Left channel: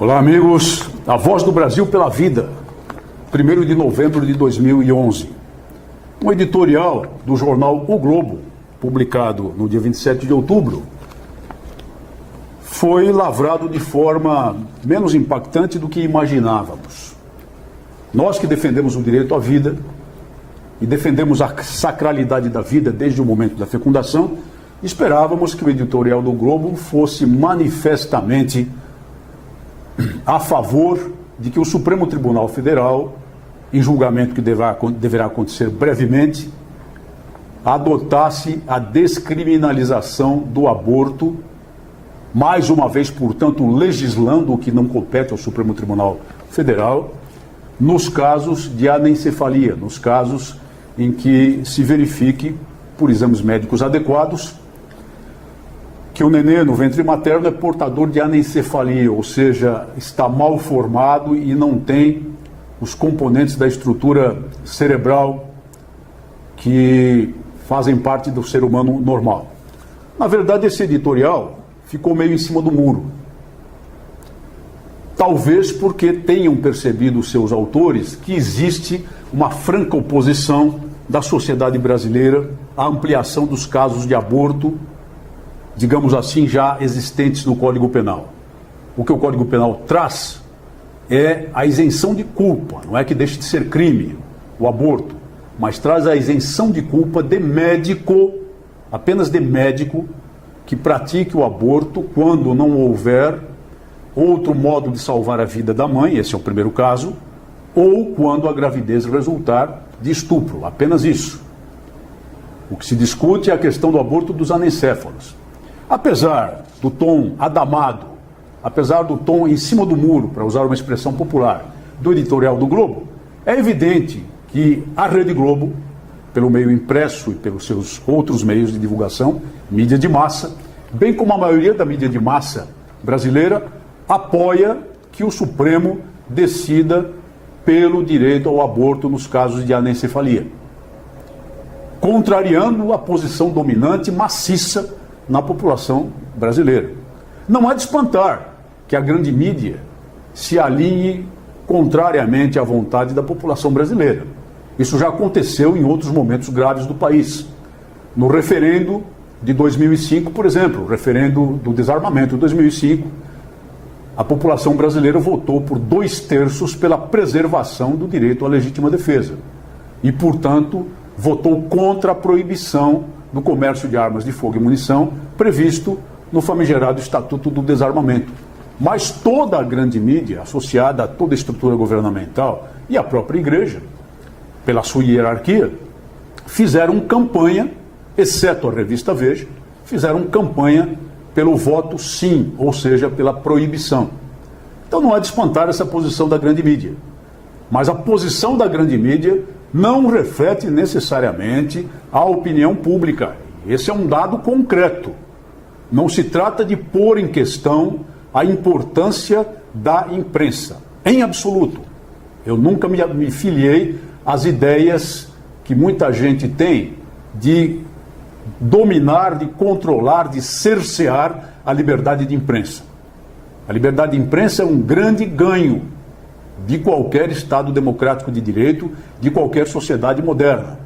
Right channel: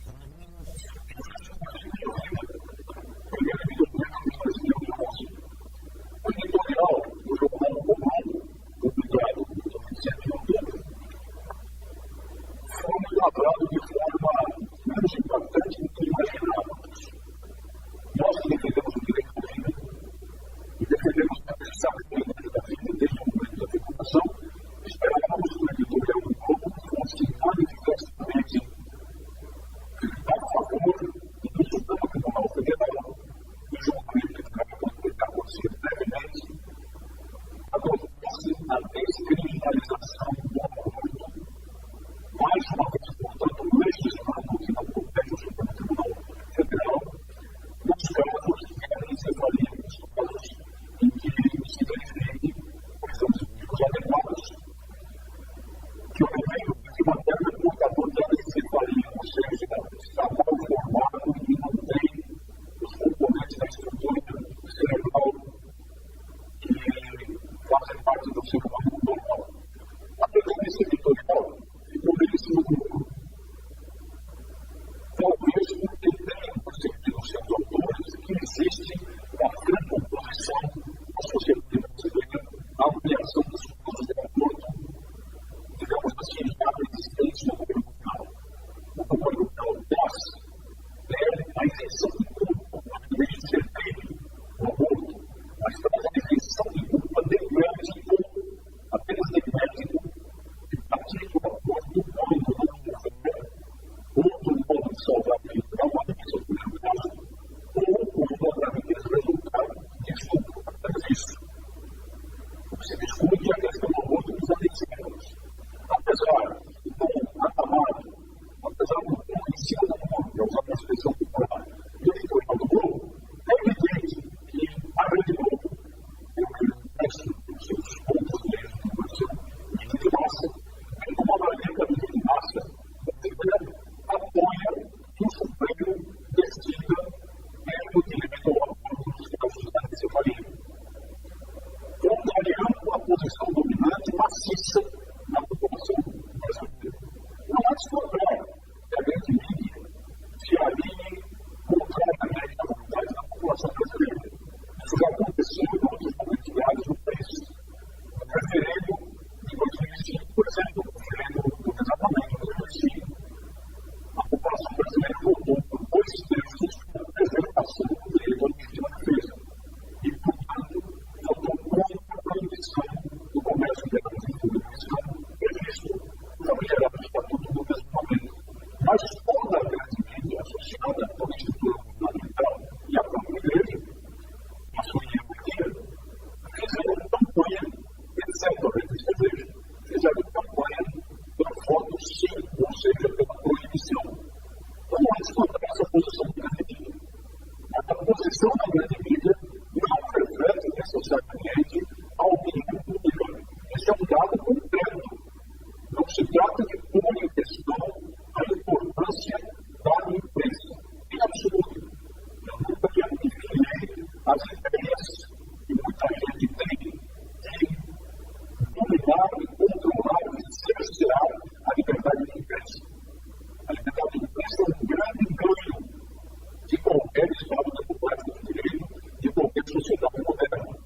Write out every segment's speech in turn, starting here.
Olá, amigos. A Voz do Brasil pela Vida, 1º de novembro de 2011. Um editorial do jornal O Globo, publicado no dia 27 de outubro, foi lavrado de forma menos impactante do que imaginávamos. Nós que defendemos o direito à vida e defendemos a sacralidade da vida desde o momento da fecundação, esperávamos que o editorial do Globo fosse manifestamente a favor de que o Supremo Tribunal Federal, em julgamento que deverá acontecer brevemente, adotasse a descriminalização do aborto, mais uma vez, portanto, legislando o que não compete ao Supremo Tribunal Federal, nos casos de anencefalia, nos casos em que se verifique, por exames médicos adequados, que o nenê no ventre materno é portador de anencefalia, ou seja, está mal formado e não tem os componentes da estrutura cerebral que fazem parte do ser humano normal. Na verdade, esse editorial ficou meio em cima do muro. Talvez porque tenham percebido os seus autores que existe uma franca oposição da sociedade brasileira à ampliação dos casos de aborto, digamos assim, já existentes no Código Penal. O que o Código Penal traz é a isenção de culpa, não é que deixe de ser crime o aborto, mas traz a isenção de culpa de médico, apenas de médico, que pratique o aborto quando não houver outro modo de salvar a vida da mãe, esse é o primeiro caso, ou quando a gravidez resultar de estupro, apenas isso. O que se discute é a questão do aborto dos anencéfalos. Apesar do tom adamado, apesar do tom em cima do muro, para usar uma expressão popular, do editorial do Globo, é evidente que a Rede Globo, pelo meio impresso e pelos seus outros meios de divulgação, mídia de massa, bem como a maioria da mídia de massa brasileira, apoia que o Supremo decida pelo direito ao aborto nos casos de anencefalia, contrariando a posição dominante maciça na população brasileira. Não é de espantar que a grande mídia se alinhe contrariamente à vontade da população brasileira. Isso já aconteceu em outros momentos graves do país. No referendo de 2005, por exemplo, o referendo do desarmamento de 2005, a população brasileira votou por 2/3 pela preservação do direito à legítima defesa e, portanto, votou contra a proibição do comércio de armas de fogo e munição previsto no famigerado Estatuto do Desarmamento. Mas toda a grande mídia, associada a toda a estrutura governamental e a própria igreja, pela sua hierarquia, fizeram campanha, exceto a revista Veja, fizeram campanha pelo voto sim, ou seja, pela proibição. Então não é de espantar essa posição da grande mídia. Mas a posição da grande mídia não reflete necessariamente a opinião pública. Esse é um dado concreto. Não se trata de pôr em questão a importância da imprensa, em absoluto. Eu nunca me filiei às ideias que muita gente tem de dominar, de controlar, de cercear a liberdade de imprensa. A liberdade de imprensa é um grande ganho de qualquer Estado democrático de direito, de qualquer sociedade moderna.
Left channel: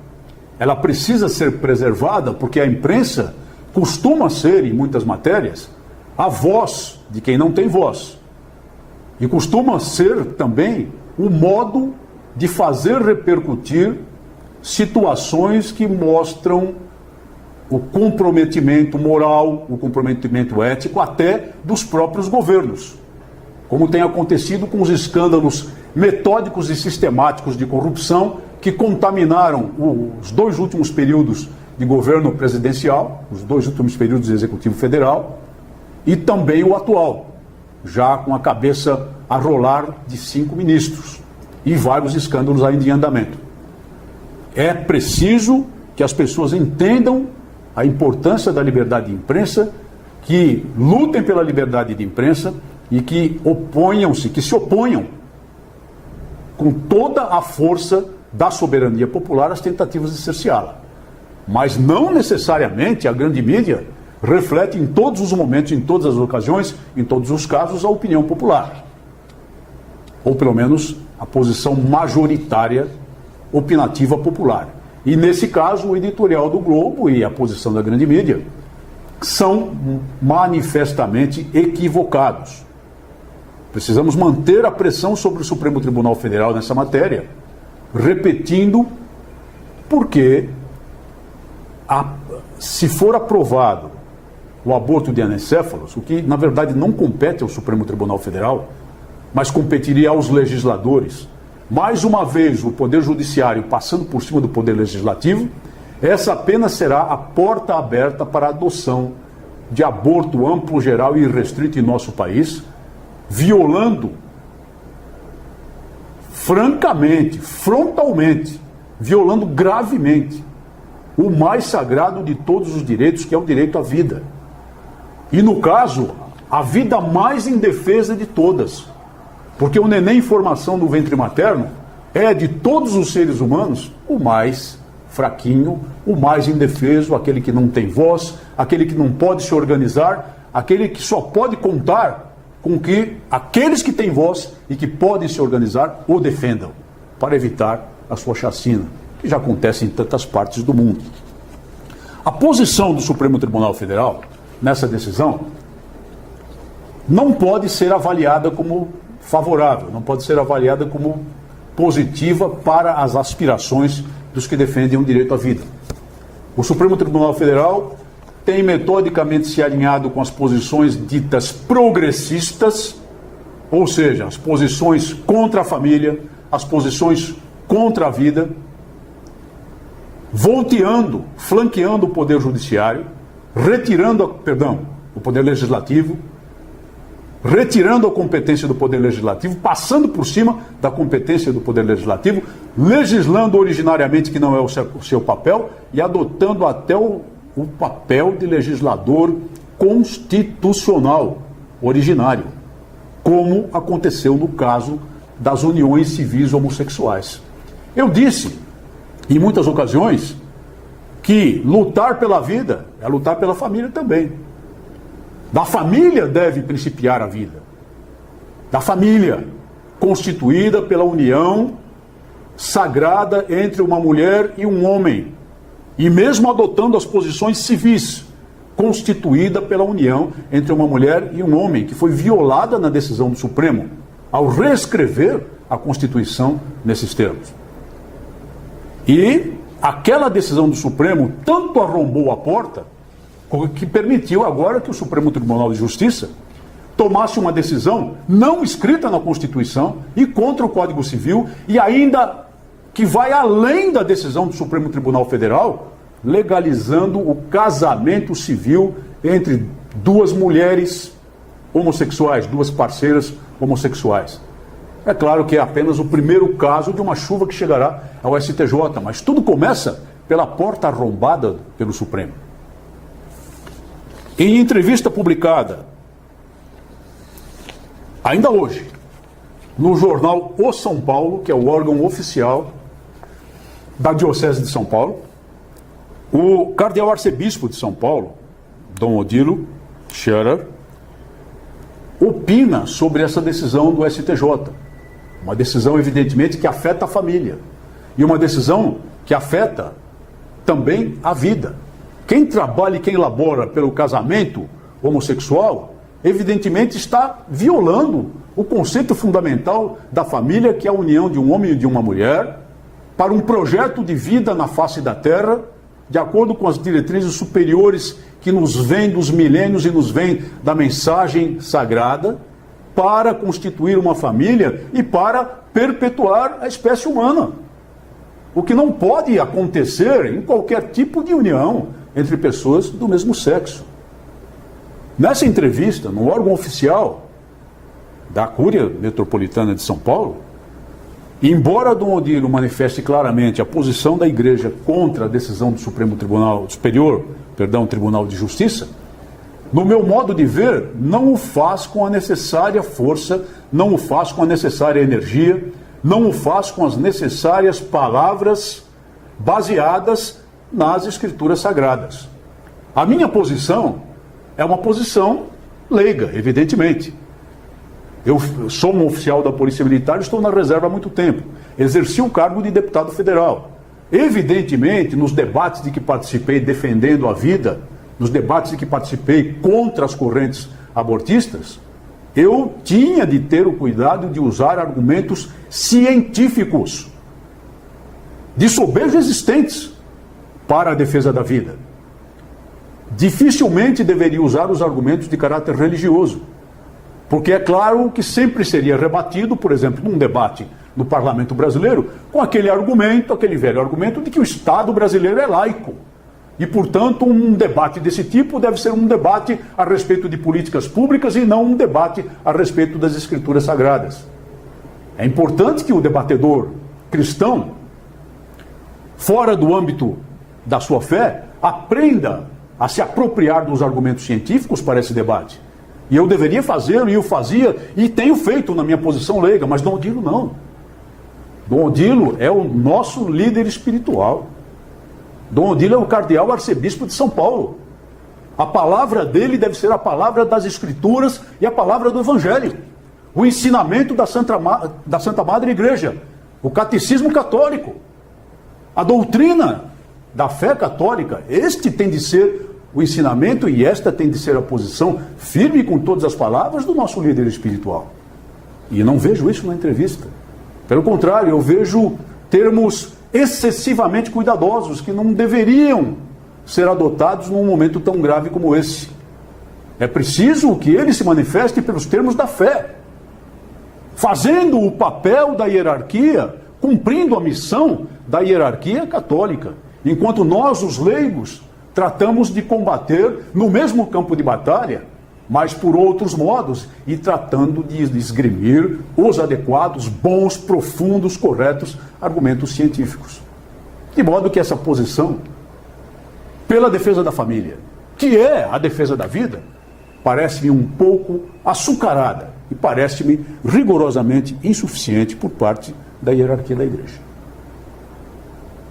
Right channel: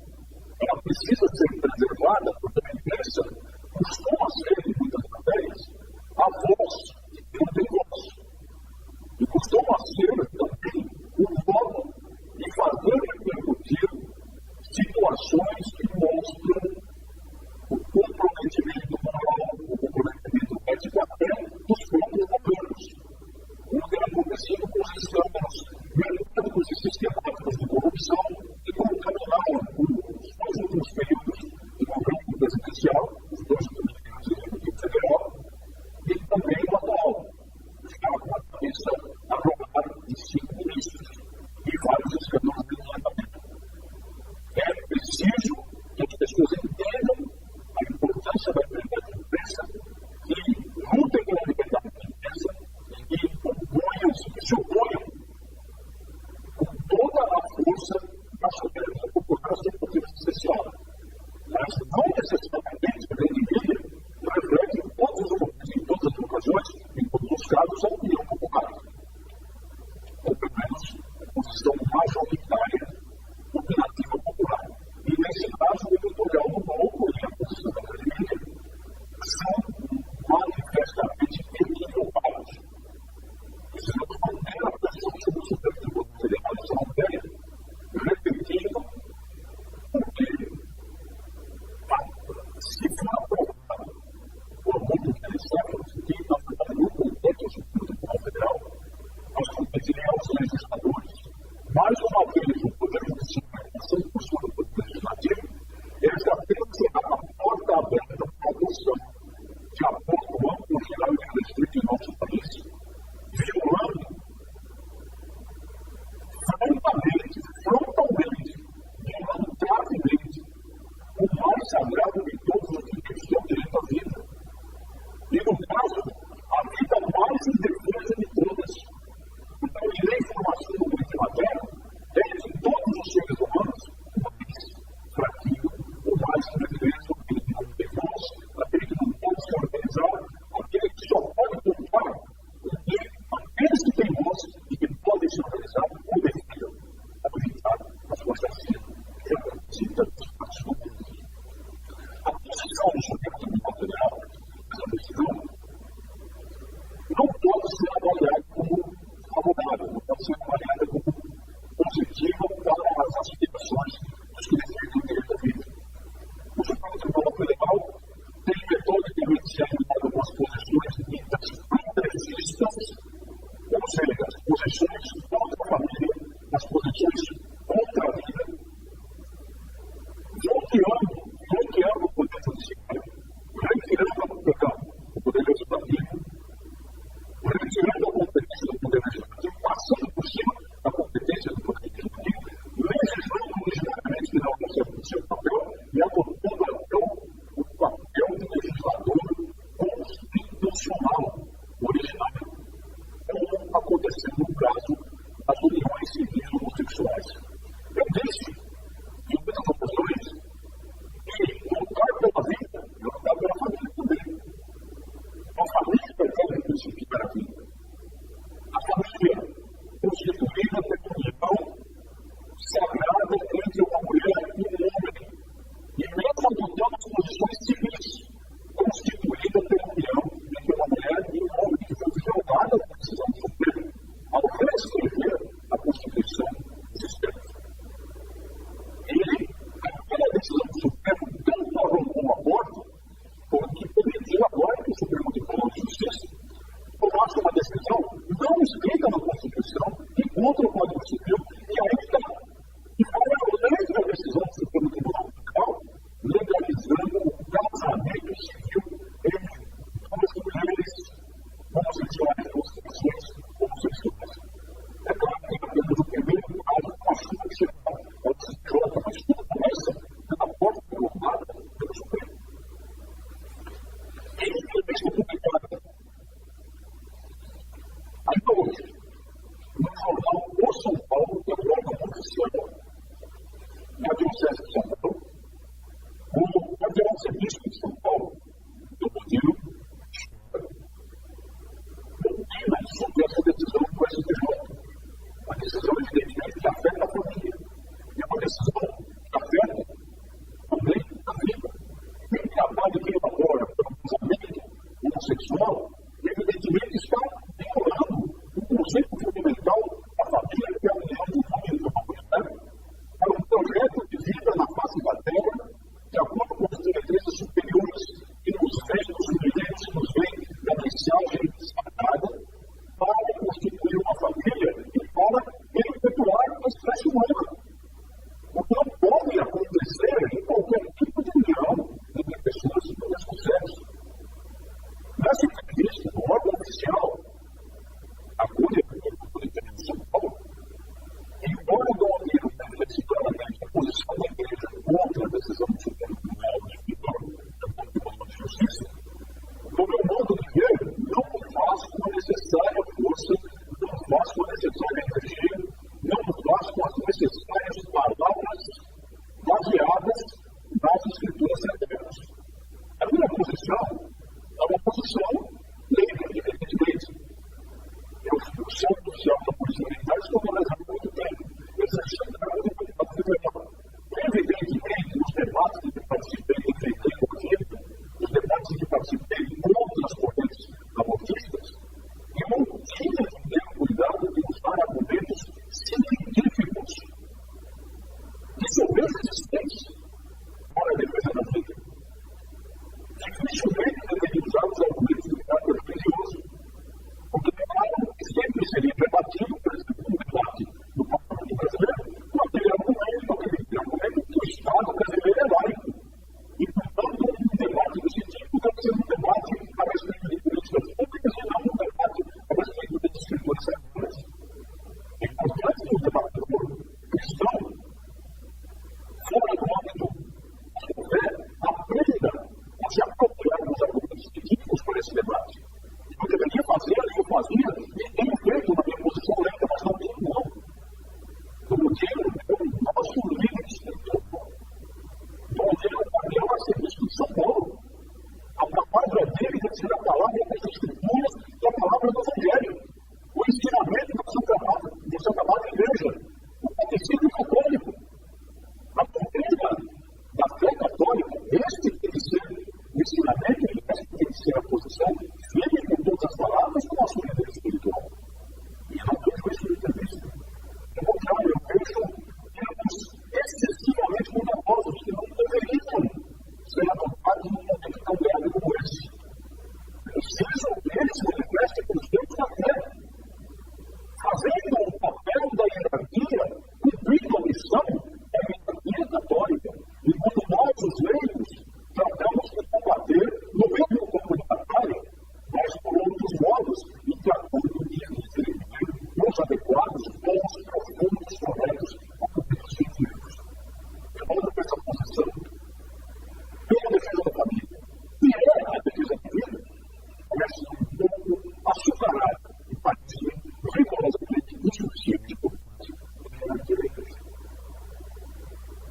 Ela precisa ser preservada porque a imprensa costuma ser, em muitas matérias, a voz de quem não tem voz. E costuma ser também o modo de fazer repercutir situações que mostram o comprometimento moral, o comprometimento ético até dos próprios governos, como tem acontecido com os escândalos metódicos e sistemáticos de corrupção que contaminaram os 2 últimos períodos de governo presidencial, os 2 últimos períodos do Executivo Federal, e também o atual, já com a cabeça a rolar de 5 ministros e vários escândalos ainda em andamento. É preciso que as pessoas entendam a importância da liberdade de imprensa, que lutem pela liberdade de imprensa e que se oponham com toda a força da soberania popular às tentativas de cerceá-la. Mas não necessariamente a grande mídia reflete em todos os momentos, em todas as ocasiões, em todos os casos, a opinião popular. ou pelo menos a posição majoritária opinativa popular. E nesse caso, o editorial do Globo e a posição da grande mídia são manifestamente equivocados. Precisamos manter a pressão sobre o Supremo Tribunal Federal nessa matéria, repetindo, porque se for aprovado o aborto de anencéfalos, o que na verdade não compete ao Supremo Tribunal Federal, mas competiria aos legisladores, mais uma vez o Poder Judiciário passando por cima do Poder Legislativo, essa apenas será a porta aberta para a adoção de aborto amplo, geral e irrestrito em nosso país, violando francamente, frontalmente, violando gravemente o mais sagrado de todos os direitos, que é o direito à vida. E no caso, a vida mais indefesa de todas. Porque o neném em formação no ventre materno é, de todos os seres humanos, o mais fraquinho, o mais indefeso, aquele que não tem voz, aquele que não pode se organizar, aquele que só pode contar com que aqueles que têm voz e que podem se organizar o defendam, para evitar a sua chacina, que já acontece em tantas partes do mundo. A posição do Supremo Tribunal Federal nessa decisão não pode ser avaliada como favorável, não pode ser avaliada como positiva para as aspirações dos que defendem o direito à vida. O Supremo Tribunal Federal tem metodicamente se alinhado com as posições ditas progressistas, ou seja, as posições contra a família, as posições contra a vida, volteando, flanqueando o Poder Judiciário, o Poder Legislativo, retirando a competência do Poder Legislativo, passando por cima da competência do Poder Legislativo, legislando originariamente que não é o seu papel e adotando até o papel de legislador constitucional originário, como aconteceu no caso das uniões civis homossexuais. Eu disse, em muitas ocasiões, que lutar pela vida é lutar pela família também. Da família deve principiar a vida. Da família, constituída pela união sagrada entre uma mulher e um homem. E mesmo adotando as posições civis, constituída pela união entre uma mulher e um homem, que foi violada na decisão do Supremo, ao reescrever a Constituição nesses termos. E aquela decisão do Supremo tanto arrombou a porta, que permitiu agora que o Supremo Tribunal de Justiça tomasse uma decisão não escrita na Constituição e contra o Código Civil, e ainda que vai além da decisão do Supremo Tribunal Federal, legalizando o casamento civil entre duas mulheres homossexuais, duas parceiras homossexuais. É claro que é apenas o primeiro caso de uma chuva que chegará ao STJ, mas tudo começa pela porta arrombada pelo Supremo. Em entrevista publicada, ainda hoje, no jornal O São Paulo, que é o órgão oficial da Diocese de São Paulo, o cardeal arcebispo de São Paulo, Dom Odilo Scherer, opina sobre essa decisão do STJ. Uma decisão, evidentemente, que afeta a família. E uma decisão que afeta também a vida. Quem trabalha e quem labora pelo casamento homossexual, evidentemente está violando o conceito fundamental da família, que é a união de um homem e de uma mulher, para um projeto de vida na face da terra, de acordo com as diretrizes superiores que nos vêm dos milênios e nos vêm da mensagem sagrada, para constituir uma família e para perpetuar a espécie humana. O que não pode acontecer em qualquer tipo de união entre pessoas do mesmo sexo. Nessa entrevista, no órgão oficial da Cúria Metropolitana de São Paulo, embora Dom Odilo manifeste claramente a posição da Igreja contra a decisão do Tribunal de Justiça, no meu modo de ver, não o faz com a necessária força, não o faz com a necessária energia, não o faz com as necessárias palavras baseadas nas Escrituras Sagradas. A minha posição é uma posição leiga, evidentemente. Eu sou um oficial da Polícia Militar, estou na reserva há muito tempo. Exerci o cargo de deputado federal. Evidentemente, nos debates de que participei defendendo a vida, nos debates de que participei contra as correntes abortistas, eu tinha de ter o cuidado de usar argumentos científicos, de sobejo existentes, para a defesa da vida. Dificilmente deveria usar os argumentos de caráter religioso, porque é claro que sempre seria rebatido, por exemplo, num debate no Parlamento brasileiro, com aquele argumento, aquele velho argumento de que o Estado brasileiro é laico. E, portanto, um debate desse tipo deve ser um debate a respeito de políticas públicas e não um debate a respeito das Escrituras Sagradas. É importante que o debatedor cristão, fora do âmbito da sua fé, aprenda a se apropriar dos argumentos científicos para esse debate. E eu deveria fazê-lo, e eu fazia, e tenho feito na minha posição leiga, mas Dom Odilo não. Dom Odilo é o nosso líder espiritual. Dom Odilo é o cardeal arcebispo de São Paulo. A palavra dele deve ser a palavra das Escrituras e a palavra do Evangelho. O ensinamento da Santa Madre Igreja, o catecismo católico, a doutrina da fé católica. Este tem de ser o ensinamento e esta tem de ser a posição firme com todas as palavras do nosso líder espiritual. E não vejo isso na entrevista. Pelo contrário, eu vejo termos excessivamente cuidadosos que não deveriam ser adotados num momento tão grave como esse. É preciso que ele se manifeste pelos termos da fé, fazendo o papel da hierarquia, cumprindo a missão da hierarquia católica, enquanto nós, os leigos, tratamos de combater no mesmo campo de batalha, mas por outros modos, e tratando de esgrimir os adequados, bons, profundos, corretos argumentos científicos. De modo que essa posição, pela defesa da família, que é a defesa da vida, parece-me um pouco açucarada e parece-me rigorosamente insuficiente por parte da hierarquia da Igreja.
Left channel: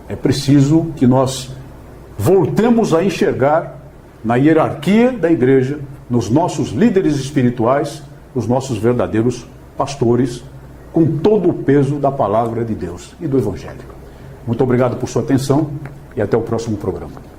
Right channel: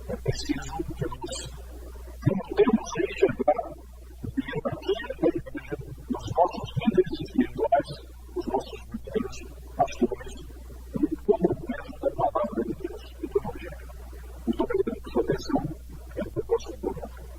É preciso que nós voltemos a enxergar na hierarquia da Igreja, nos nossos líderes espirituais, os nossos verdadeiros pastores, com todo o peso da palavra de Deus e do Evangelho. Muito obrigado por sua atenção e até o próximo programa.